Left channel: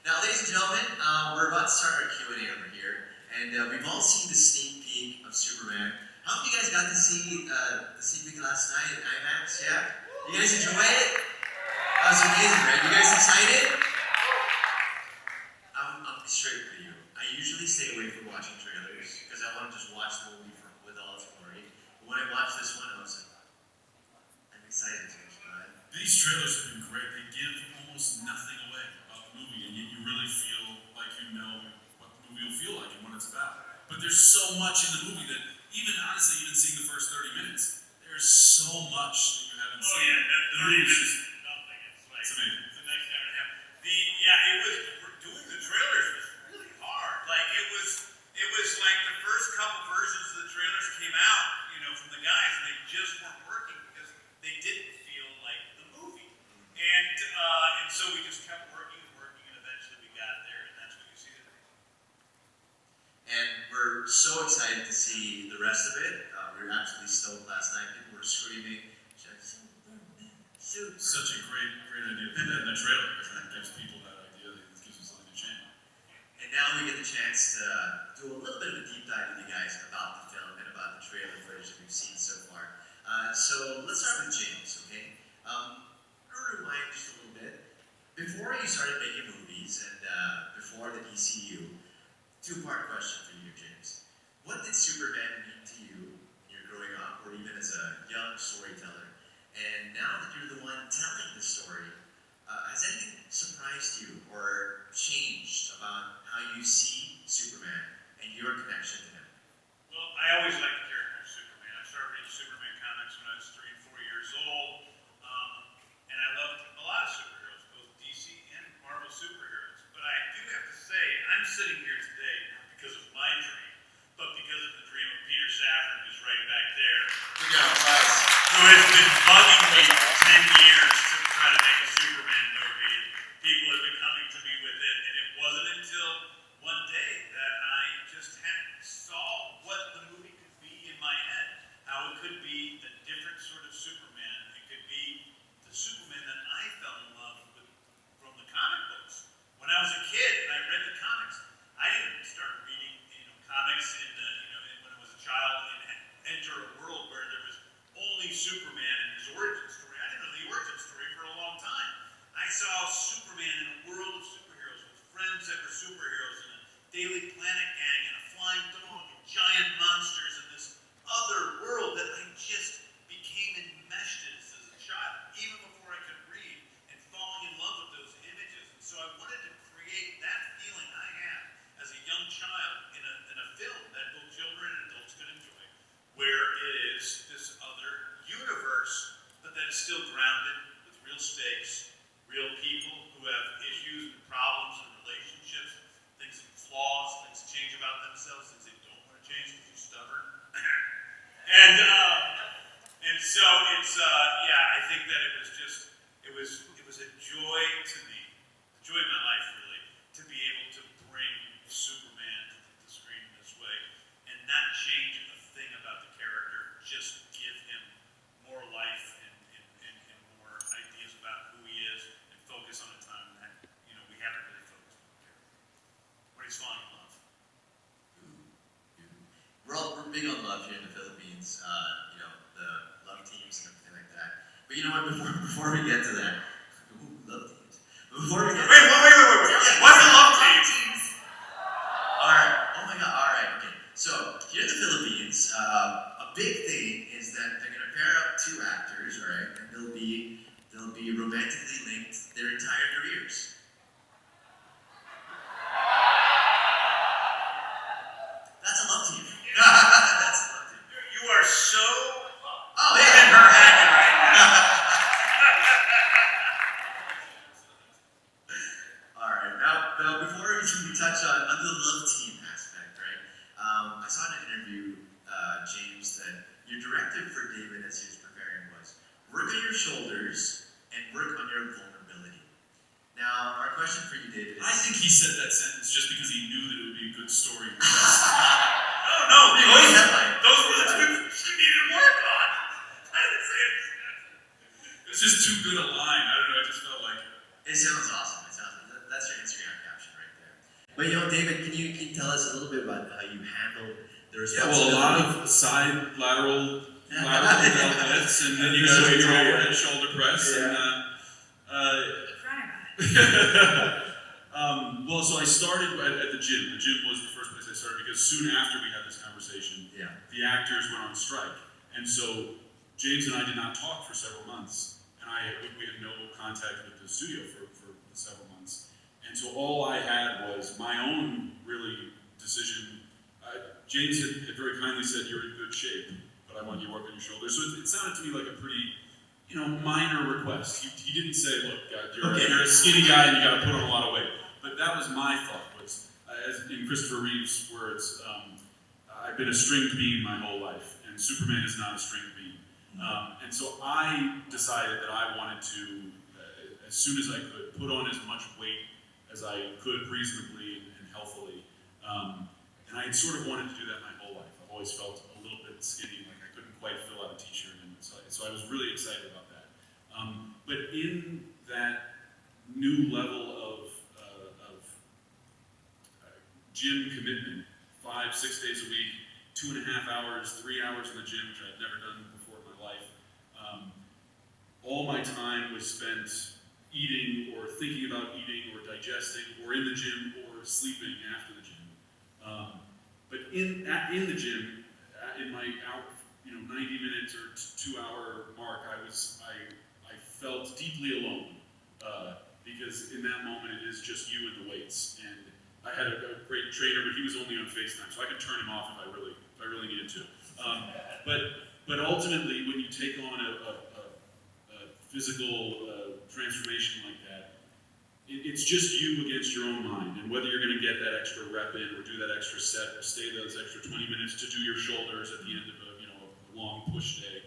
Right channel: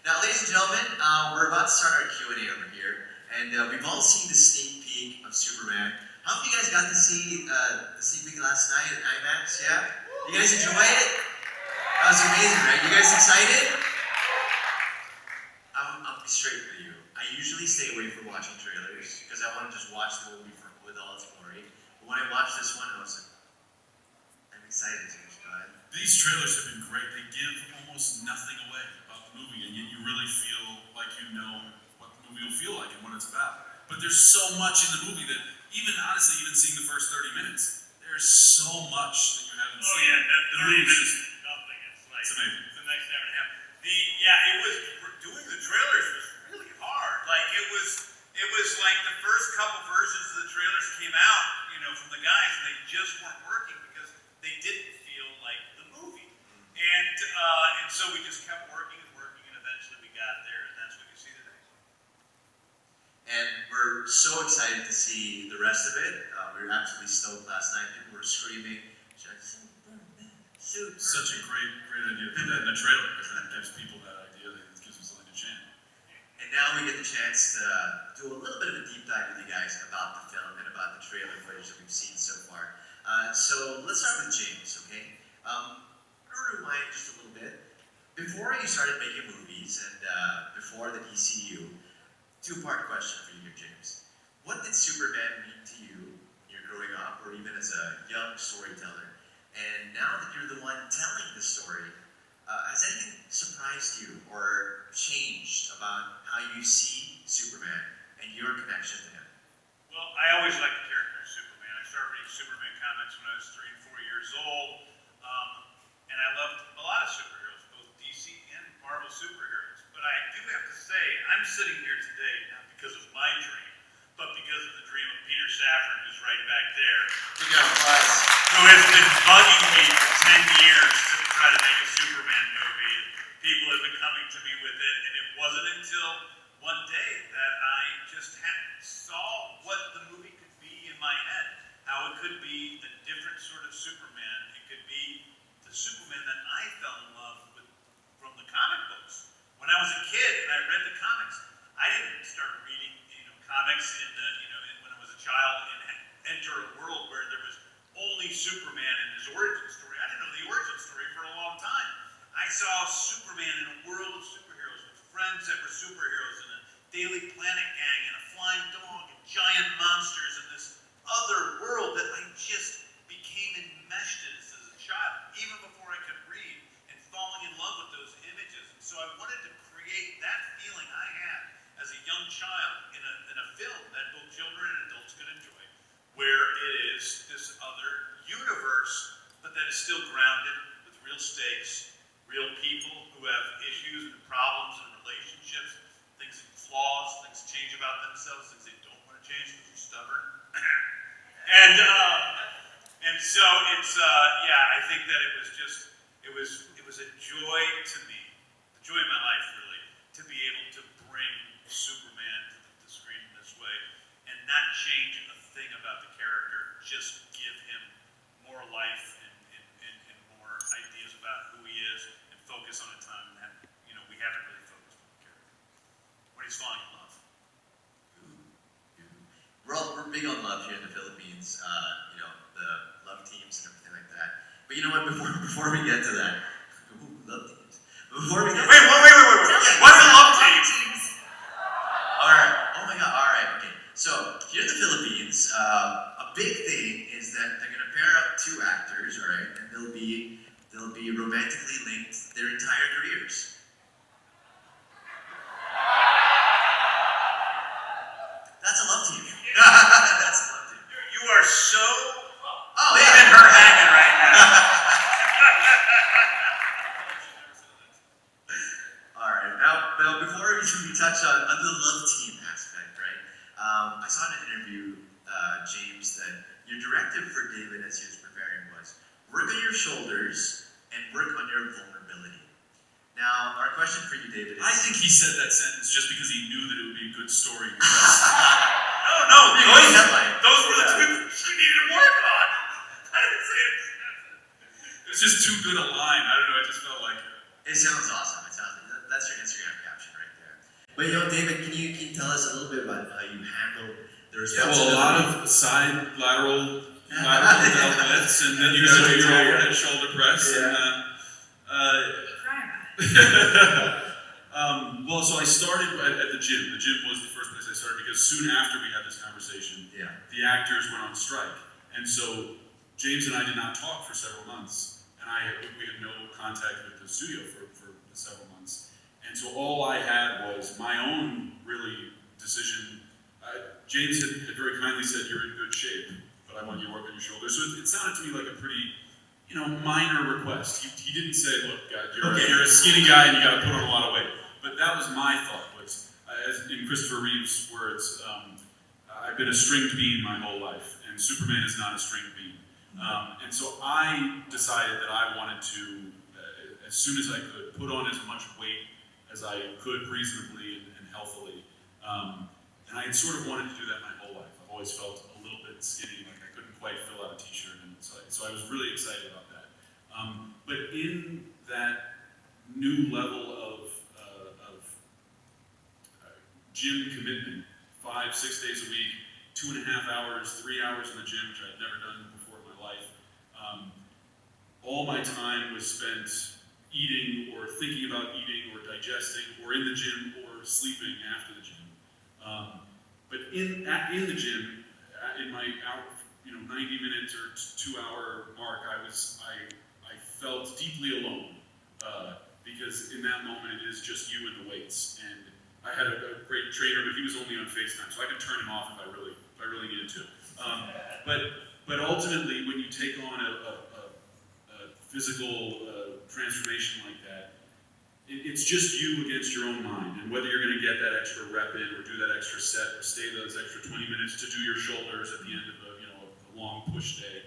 Now, ladies and gentlemen, we're about to start our Q&A over here, and we've all seen the sneak peek of Superman. How many of you guys got to see the sneak peek last night at IMAX? Yeah? You guys enjoy it? That was amazing, right? You guys excited? I'll be straight with you. I usually stay away from watching trailers because I want to just watch the movie with all its glory. But when I watched this one, I was like, I'm excited to watch it. These trailers have been great. They give almost nothing away about the movie, and yet you really feel like you know what the movie will feel like and what it's about. But there's so much in the movie that even seeing the first 30 minutes, there's so much that you haven't seen. Oh yeah, that 30 minutes is nothing. It's amazing. The next hour and a half. It was doing the trailers was really hard. Like it was like the first couple versions of the trailers came out, from the guys, and they just weren't working because they didn't feel like the movie. And so we just kept working, and eventually we got there, and that's what you see today. And we're so excited to see the rest of it. We were absolutely stoked last night. People were screaming. Such a great idea to put that in a trailer because that gives people that idea, that gives them something to chant. And now we get the chance to do a little bit of a deep dive with you guys about the film and about the trailer footage that we've seen so far. So let's start with James, okay? I'm going to rewind just a little bit. Before you started making movies and before the DCU, two-part question for you here, James. What did Superman mean to you when you're growing up or even as a young storyteller? And now that you're the one telling the story, has anything surprised you or changed about how you see Superman and your connection to him? Well, I always liked the character of Superman. I started reading Superman comics when I was 3 and 4 years old, and I loved a lot of superheroes, both DC and Marvel superheroes. But I do have to say, I'm sitting here today not because of my dream, but because of the dream of Peter Safran, who's right back there. Who has been bugging me for 10 years to try to make a Superman movie. And people have been coming to me with it, and it wasn't until one day that I just saw what the movie could be in my head. How it could be a different sort of Superman. It could be the Superman that I fell in love with from the comic books. When I was a kid and I read the comics, I didn't start reading comics when I was a child and enter a world where there was only Superman and his origin story. I didn't know the origin story for a long time. I saw Superman in a world of superheroes with friends that were superheroes and a Daily Planet gang and a flying dog and giant monsters and this other world that I just became enmeshed in as a child, even before I could read, and falling in love with those images. And so I wanted to create that feeling I had as a young child in a film that both children and adults could enjoy, where it is this other universe, but that is still grounded with real stakes, real people who have issues and problems and relationships, things, flaws, things change about themselves, things they don't want to change because they're stubborn. and so it's I think that it was a joy to me, the joy of my life really, to be able to bring Superman to the screen in this way and not change a thing about the character, just give him more life and more ideas about who he is and focus on a time that we haven't really focused on the character. When he's falling in love. We're big on love here in the Philippines, the love teams and everything like that. But you know what, before we get to that, love teams. Before we get Wait. What's the love teams? Alright, oh my god, alright, okay. So, here in the Philippines, a big thing is that they're gonna pair up two actors, alright, and they'll be romantically linked their entire careers. That's a love team. That's a love team. You are so Oh yeah. leaving her hanging right now. Alright, now before we touch on the love team aspect, right? I saw in an interview, James, that your directive for David as he was preparing was work on your shoulders and work on your vulnerability. Now, our question for you, David, is... I think he said that sentence just because he knew that it would be a good story. No, those were the two things she needed to work on. I didn't say it. It was just too good a line. I don't know, I just felt like it. It sounds awesome. That's your Instagram caption. But David, can you tell us a little bit about how you handle the Yeah, responsibility? well, a lot of side lateral deadlifts, and then you got to do your overhead shoulder press. Yeah. Well, so I started at the gym. The gym was the first place I started because soon after we had this conversation, the actors went on strike, and so James and I did not talk for several months, and we had no contact with the studio for several months, and so all I had was my own really decision. James had very kindly said, "You're in good shape, but I want you to work on your shoulders." So it sounded to me like a pretty, minor request. He didn't say, "Look, you're a skinny guy and you got to put on a lot of weight." But that was my thought. Was as in Christopher Reeve's words, "I've been a stringed bean my whole life, and Superman is not a stringed bean." And so I decided that I wanted to, as soon as I could, put on as much weight as I could reasonably and healthily. And I had sort of wanted to do that my whole life. I've always felt a little bit skinny, like I couldn't quite fill out a t-shirt, and so I was really excited about that. But in that new level of gym commitment, 5-6 days a week, 2.5 hours, 3 hours in the gym, which I'd never done before in my life, all my time was spent eating or thinking about eating or digesting or in the gym or sleeping after the gym. But in the gym, in my 90 minutes or 2 hour mark, I felt deeply alone because in that moment it is just you and the weights. And I had a great trainer, but he was only on FaceTime, so I could turn him off if I really needed to. But ultimately, when you take on a physical transformation like that, it's just you against your own mind, and whether you're going to get that extra rep in, or do that extra set, or stay those extra 20 minutes to do your shoulders at the end of a long push day.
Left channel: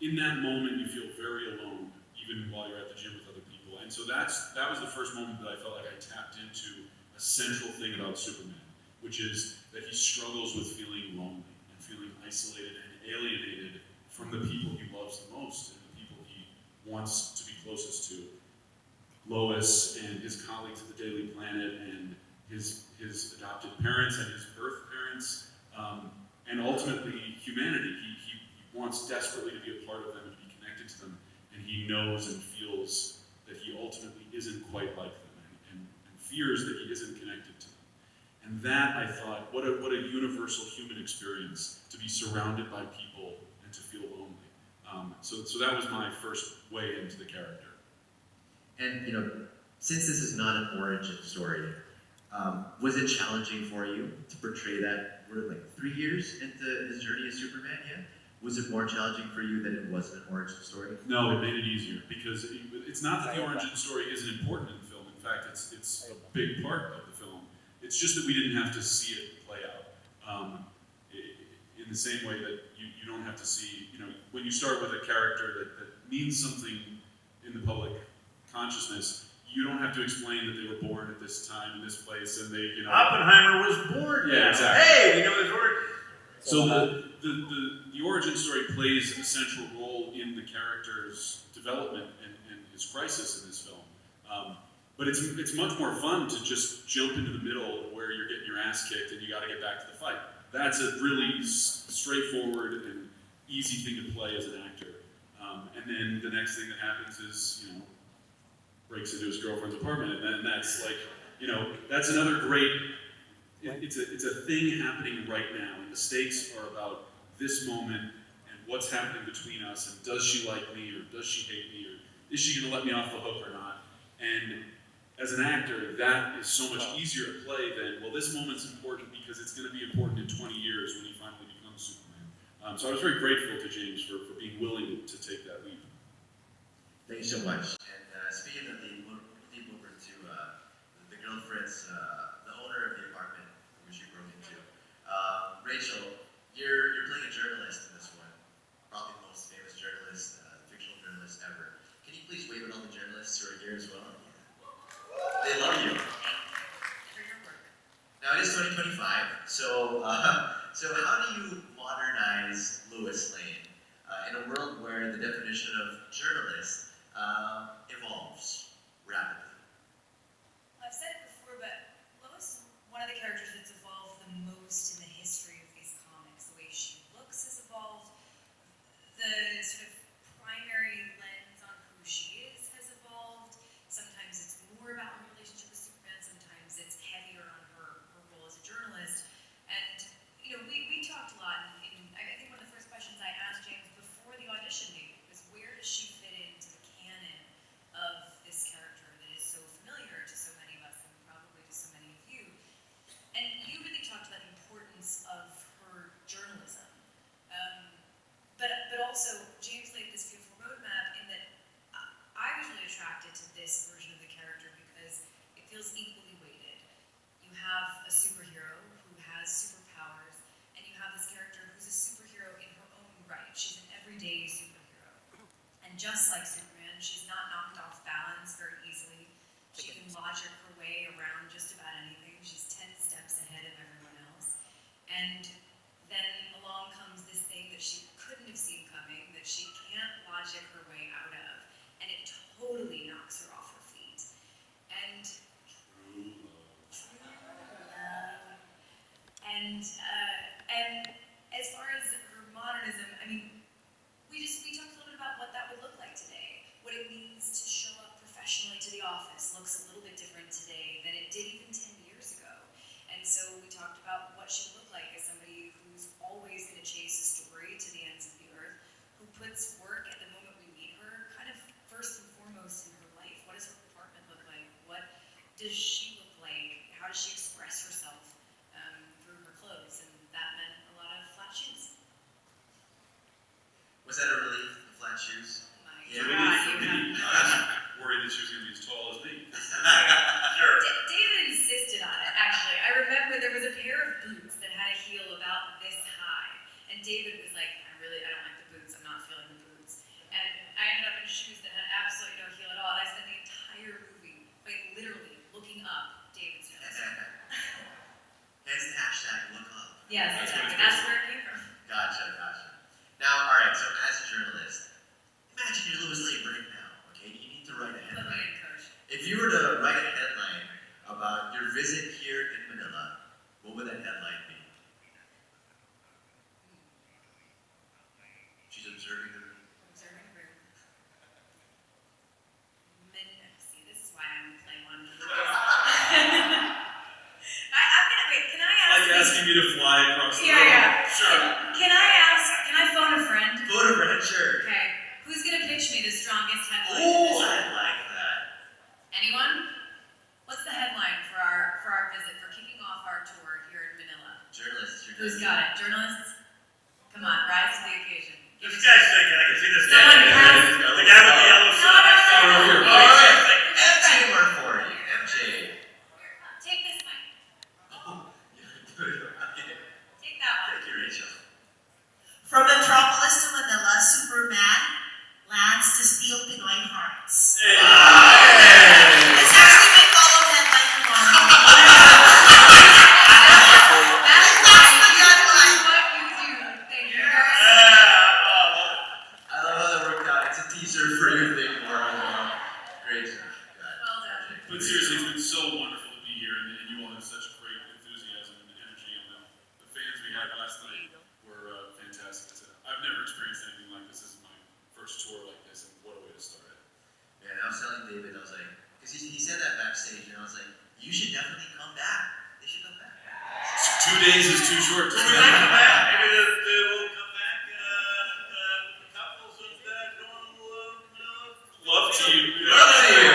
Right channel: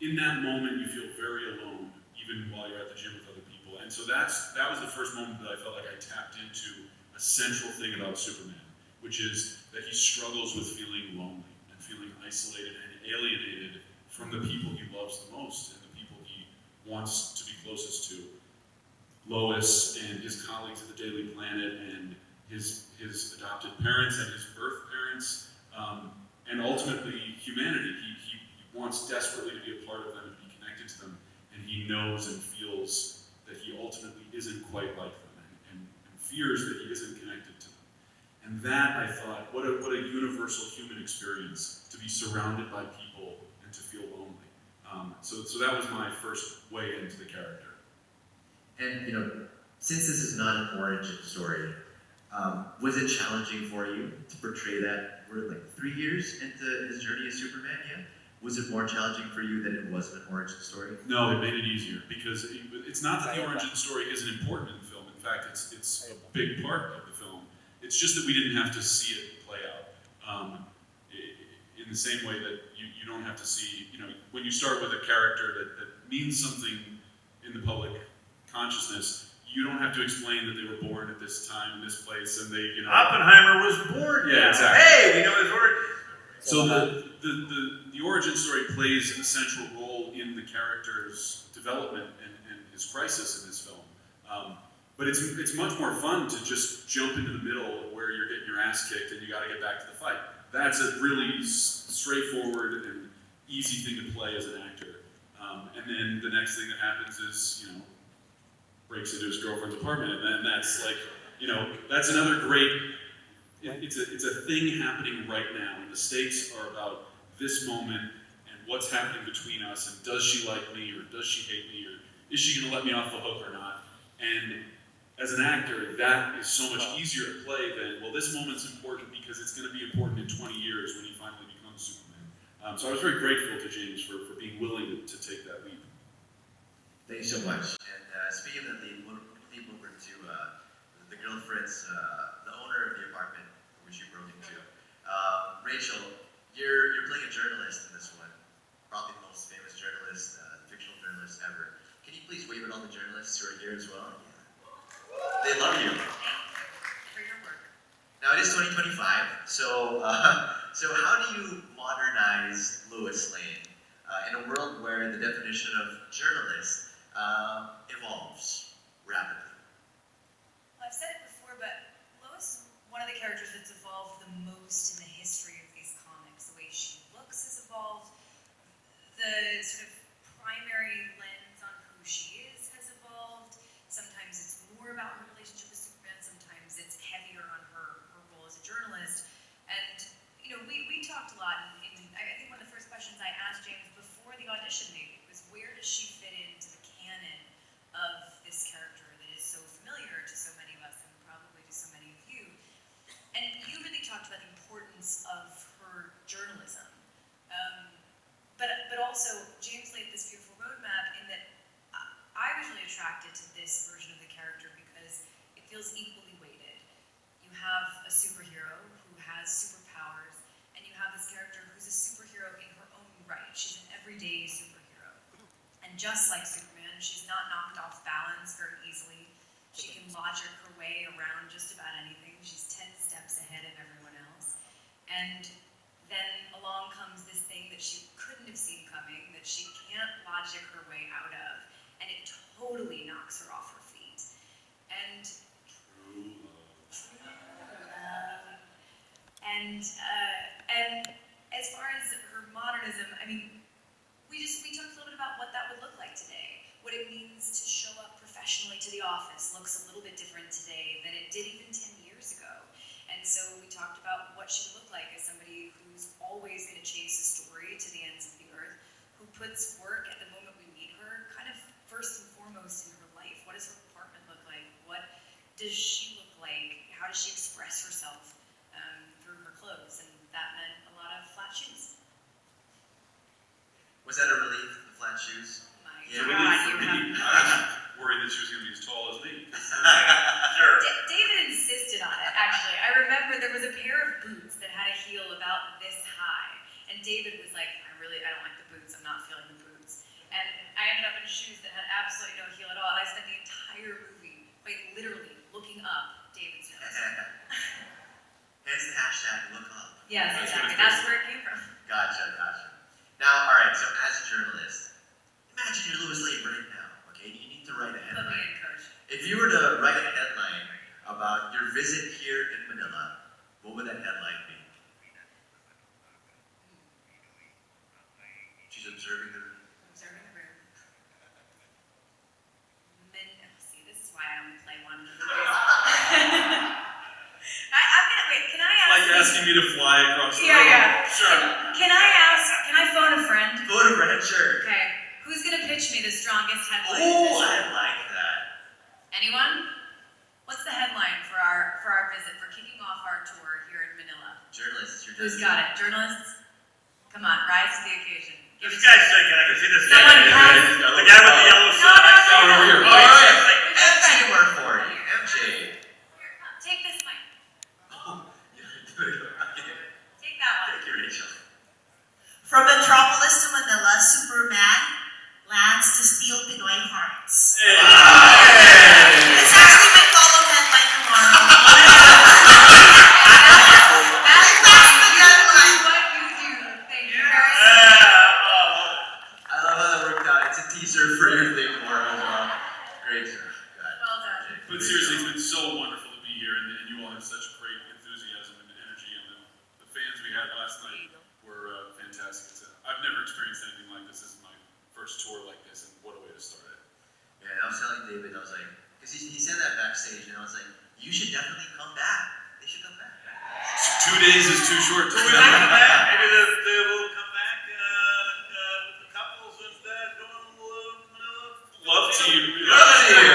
In that moment, you feel very alone, even while you're at the gym with other people. And so that was the first moment that I felt like I tapped into a central thing about Superman, which is that he struggles with feeling lonely and feeling isolated and alienated from the people he loves the most and the people he wants to be closest to. Lois and his colleagues at the Daily Planet and his adopted parents and his birth parents, and ultimately humanity. He wants desperately to be a part of them and be connected to them, and he knows and feels that he ultimately isn't quite like them and fears that he isn't connected to them. And that, I thought, what a universal human experience, to be surrounded by people and to feel lonely. So that was my first way into the character. And since this is not an origin story, was it challenging for you to portray that? We're like 3 years into his journey as Superman, yeah? Was it more challenging for you than it was an origin story? No, it made it easier because it's not that the origin story isn't important in the film. In fact, it's a big part of the film. It's just that we didn't have to see it play out. In the same way that you don't have to see, when you start with a character that means something in the public consciousness, you don't have to explain that they were born at this time, in this place, and they, Oppenheimer was born. Yeah, exactly. Hey, we know his origin. So the origin story plays a central role in the character's development and his crisis in this film. But it's much more fun to just jump into the middle where you're getting your ass kicked and you got to get back to the fight. That's a really straightforward and easy thing to play as an actor. And then the next thing that happens is, breaks into his girlfriend's apartment, and then that's like, that's another great. It's a thing happening right now, and the stakes are about this moment and what's happening between us, and does she like me, or does she hate me, or is she going to let me off the hook or not? And as an actor, that is so much easier to play than, well, this moment's important because it's going to be important in 20 years when he finally becomes Superman. So I was very grateful to James for being willing to take that leap. Thank you so much. And speaking of the leap over to the girlfriend's, the owner of the apartment which you broke into, Rachel, you're playing a journalist in this one, probably the most famous journalist, fictional journalist ever. Can you please wave at all the journalists who are here as well? They love you. Now it is 2025, so how do you modernize Lois Lane in a world where the definition of journalist evolves rapidly? I've said it before. feels equally weighted. You have a superhero who has superpowers, and you have this character who's a superhero in her own right. She's an everyday superhero. And just like Superman, she's not knocked off balance very easily. She can logic her way around just about anything. She's 10 steps ahead of everyone else. And then along comes this thing that she couldn't have seen coming, that she can't logic her way out of, and it totally knocks her off her feet. And and as far as her modernism, I mean, we talked a little bit about what that would look like today. What it means to show up professionally to the office looks a little bit different today than it did even 10 years ago. And so we talked about what she would look like as somebody who's always going to chase a story to the ends of the earth, who puts work at the moment we meet her kind of first and foremost in her life. What does her apartment look like? What does she look like? How does she express herself through her clothes? And that meant a lot of flat shoes. Was that a relief, the flat shoes? Oh my Yeah, God, we I was worried that she was going to be as tall as me. Sure. David insisted on it, actually. I remember there was a pair of boots that had a heel about this high. And David was like, I don't like the boots. I'm not feeling the boots. And I ended up in shoes that had absolutely no heel at all. And I spent the entire movie, literally looking up David's nose. Hence the hashtag look up. Yes, exactly. That's where it came from. Gotcha. Now, all right, so as a journalist, imagine you're Lois Lane right now, okay? You need to write a Put me headline. in, coach. If you were to write a headline about your visit here in Manila, what would that headline be? She's observing the room. Observing the room. See, this is why I don't play one. Wait, can I ask? Like asking me to fly across the room. Yeah. Sure. Can I phone a friend? Phone a friend, sure. Okay. Who's gonna pitch me the strongest headline? Oh, I like that. Anyone? What's the headline for our visit, for kicking off our tour here in Manila? Journalists, you're Who's got it? Journalists? Come on, rise to the occasion. This guy's thinking, I can see this guy. Someone has- The guy with the yellow shirt. I saw No, over here. no, Oh, no. yeah. MJ work for you. MJ. Take this mic. Oh, Take that one. thank you, Rachel. From Metropolis to Manila, Superman lands to steal Pinoy hearts. Hey. It's actually my follow headline tomorrow. That's That's what the headline. you do. Thank you very much. Yeah. I love how that worked out. It's a teaser for your thing tomorrow. Great job. Well done. But seriously, it's been so wonderful to be here, and you all have such great enthusiasm and energy, and the fans we had last night were fantastic. I've never experienced anything like this. This is my first tour like this, and what a way to start it. Yeah, and I was telling David, I was like, because he said that backstage, and I was like, you should definitely come back. They should come back. 2 days is too short to Maybe they'll come back. Maybe they will come back with the couples and Love to you. Love to you.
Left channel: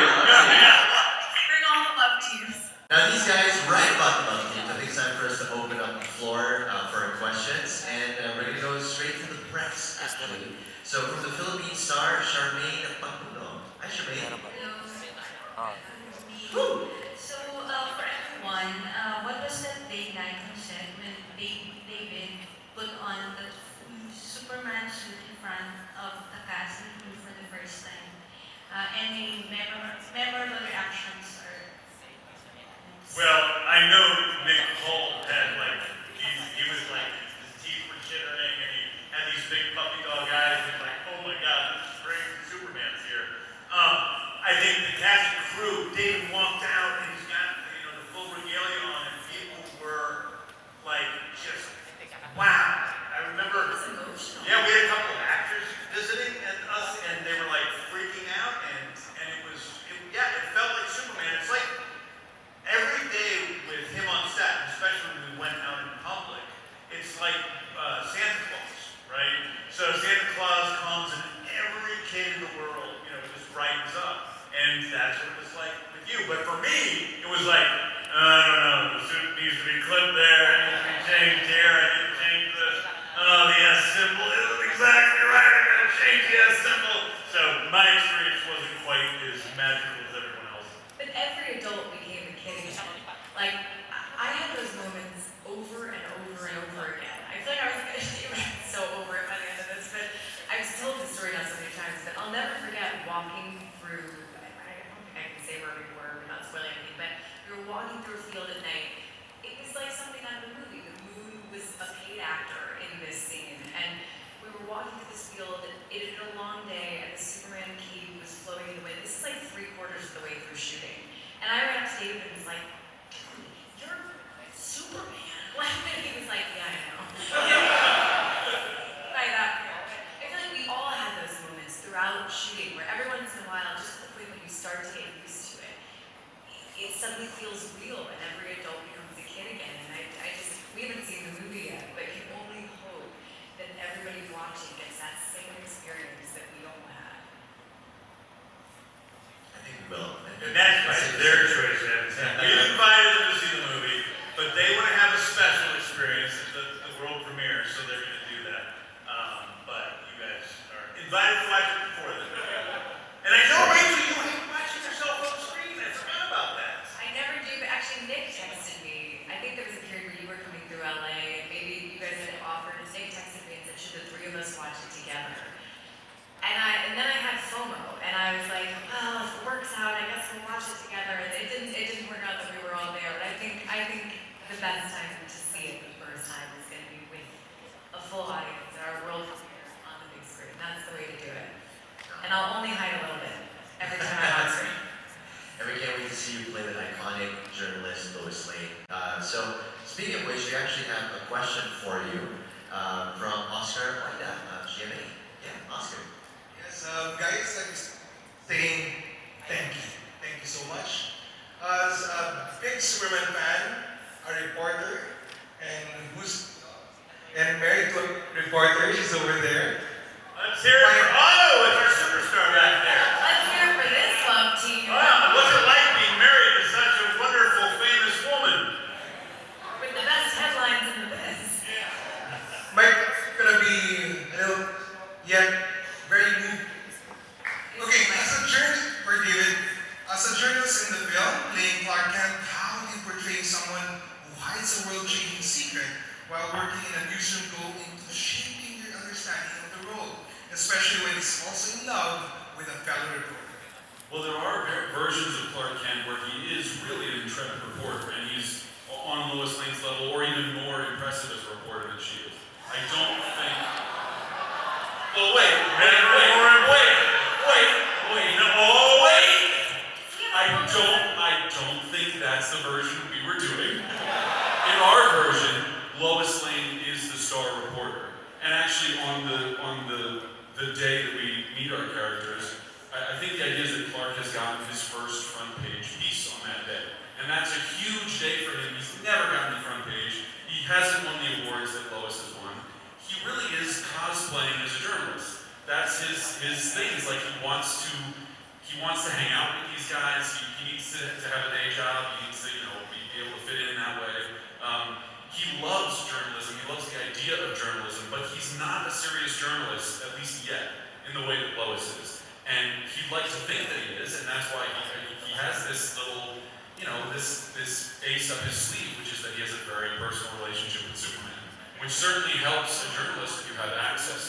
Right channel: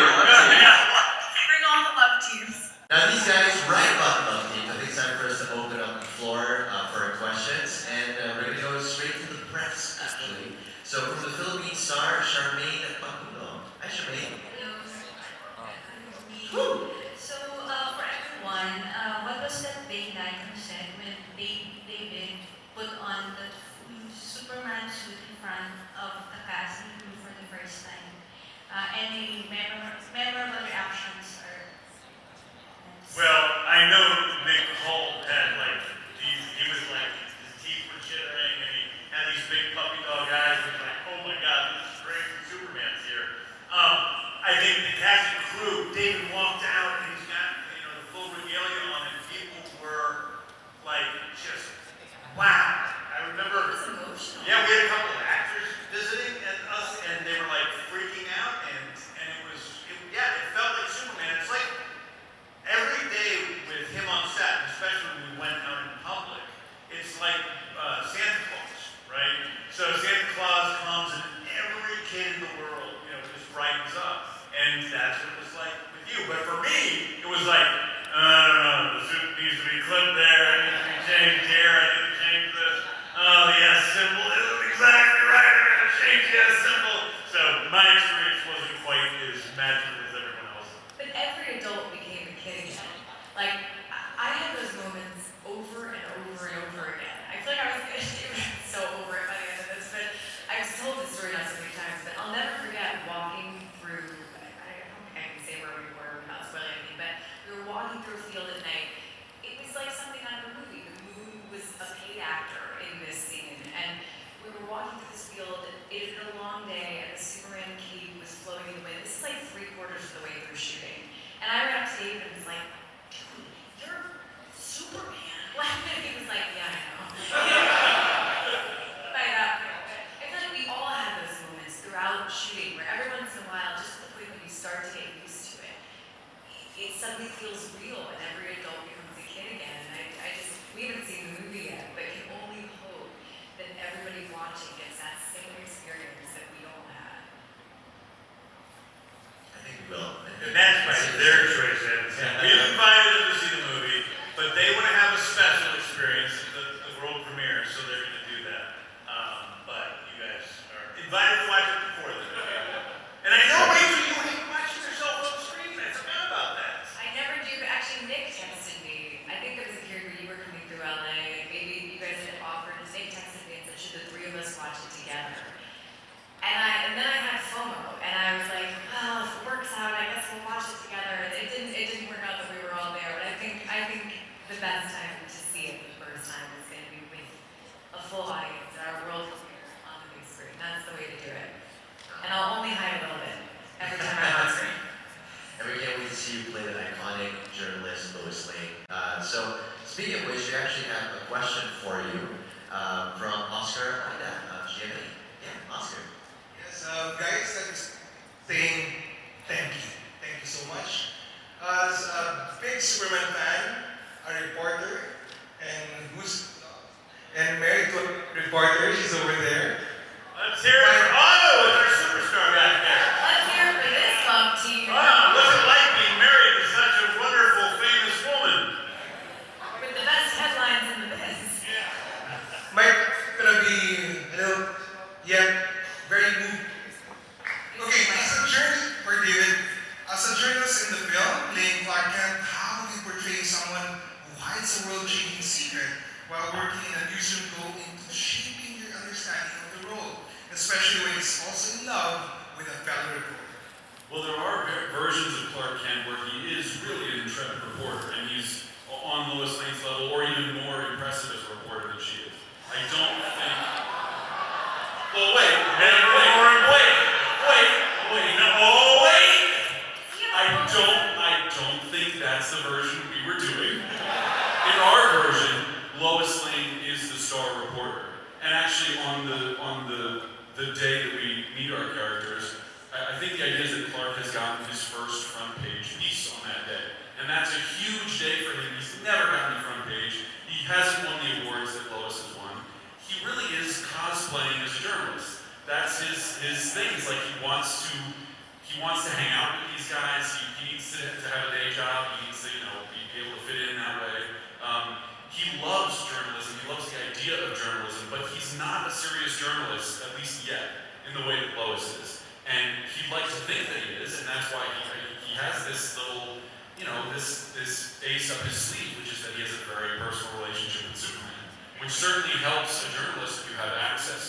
Bring all the love teams. Now these guys write about the love teams. I think it's time for us to open up the floor for questions, and we're gonna go straight to the press, actually. So from the Philippine star, Charmaine Paculo. Hi, Charmaine. Woo! So, for everyone, what was that day like you said when David put on the Superman suit in front of the casting crew for the first time? Any memorable reactions or? Well, I know Nick Holt had he was like, his teeth were chittering, and he had these big puppy dog eyes, and like, oh my God, this is great, Superman's here. I think the cast and crew, David walked out, and he's got, the full regalia on, and people were like, just, wow. I remember, yeah, we had a couple of actors visiting us, and they were like freaking out, and it felt like Superman. It's like, every day with him on set, especially when we went out in public, it's like Santa Claus, right? So Santa Claus comes and every kid in the world, just brightens up. And that's what it was like with you. But for me, it was like, I don't know, the suit needs to be clipped there, I need to be changed here, I need to change this. Oh, the S symbol isn't exactly right, I gotta change the S symbol. So my experience wasn't quite as magical as everyone else. But every adult became a Like, I had those moments over and over and over again. I feel like I was gonna be so over it by the end of this, but I've told this story now so many times, but I'll never forget walking through, I don't think I can say where we were without spoiling anything, but we were walking through a field at night. It was like something out of a movie. The moon was a paid actor in this scene, and we were walking through this field. It had been a long day, and the Superman cape was floating in the wind. This is like 3/4 of the way through shooting. And I ran up to David and was like, dude, you're Superman. And he was like, yeah, I know. By that point. I feel like we all had those moments throughout shooting where every once in a while, just to the point when you start to get used to it, it suddenly feels real and every adult becomes a kid again. And we haven't seen the movie yet, but can only hope that everybody watching gets that same experience that we all had. I think we will. And that's right, their choice, Ed. You invited them to see the movie, but they want to have a special experience at the world premiere, so they're going to do that. But you guys are invited to watch it before them. And I know, Rachel, you hate watching yourself on the screen. I forgot about that. I never do, but actually Nick texted me. I think there was a period where you were coming through LA, and maybe you guys had offered, and Nick texted me and said, should the three of us watch it together? And then I had FOMO, and I was like, well, if it works out, I guess we'll watch it together. And it didn't work out that we were all there, but I think the best time to see it the first time is going to be with a full audience, our world premiere on the big screen. That's the way to do it. And I'll only hide a little bit every time I'm on screen. And we can't wait to see you play that iconic journalist, Lois Lane. So, speaking of which, we actually have a question for you from Oscar GMA. Yeah, Oscar. Yes, guys, I'm saying thank you. Thank you so much. As a big Superman fan, a reporter, and married to a reporter, she's over there. Let's hear it for Otto with our superstar back there. Let's hear it for this love team. Wow, what's it like being married to such a wonderful, famous woman? With the best headlines in the biz. Mike, gonna be a little, yet very moved. Okay, as a journalist in the film, playing Clark Kent, how do you portray someone who hides a world-changing secret while working in a newsroom go into shaping your understanding of the role, especially when he's also in love with a fellow reporter? Well, there are versions of Clark Kent where he is really an intrepid reporter, and he's on Lois Lane's level, or even more impressive as a reporter than she is. I don't think. Well, wait. I don't think that's the version we were doing. In our version, Lois Lane is the star reporter, and actually on the day that we meet our characters, I think the idea is that Clark has gotten his first front page piece on that day. And that's a huge day for him. He's never gotten the front page. He hasn't won the awards that Lois has won. He really is cosplaying as a journalist. That's his thing. It's like he wants to hang out with these guys. He needs to have a day job. He needs to, be able to fit in that way. He loves journalism. He loves the idea of journalism, but he's not a serious journalist, at least yet, in the way that Lois is. And he'd like to think that he is, and that's why he has this little, this ace up his sleeve, which is that he has a very personal relationship with Superman, which certainly helps a journalist if you have access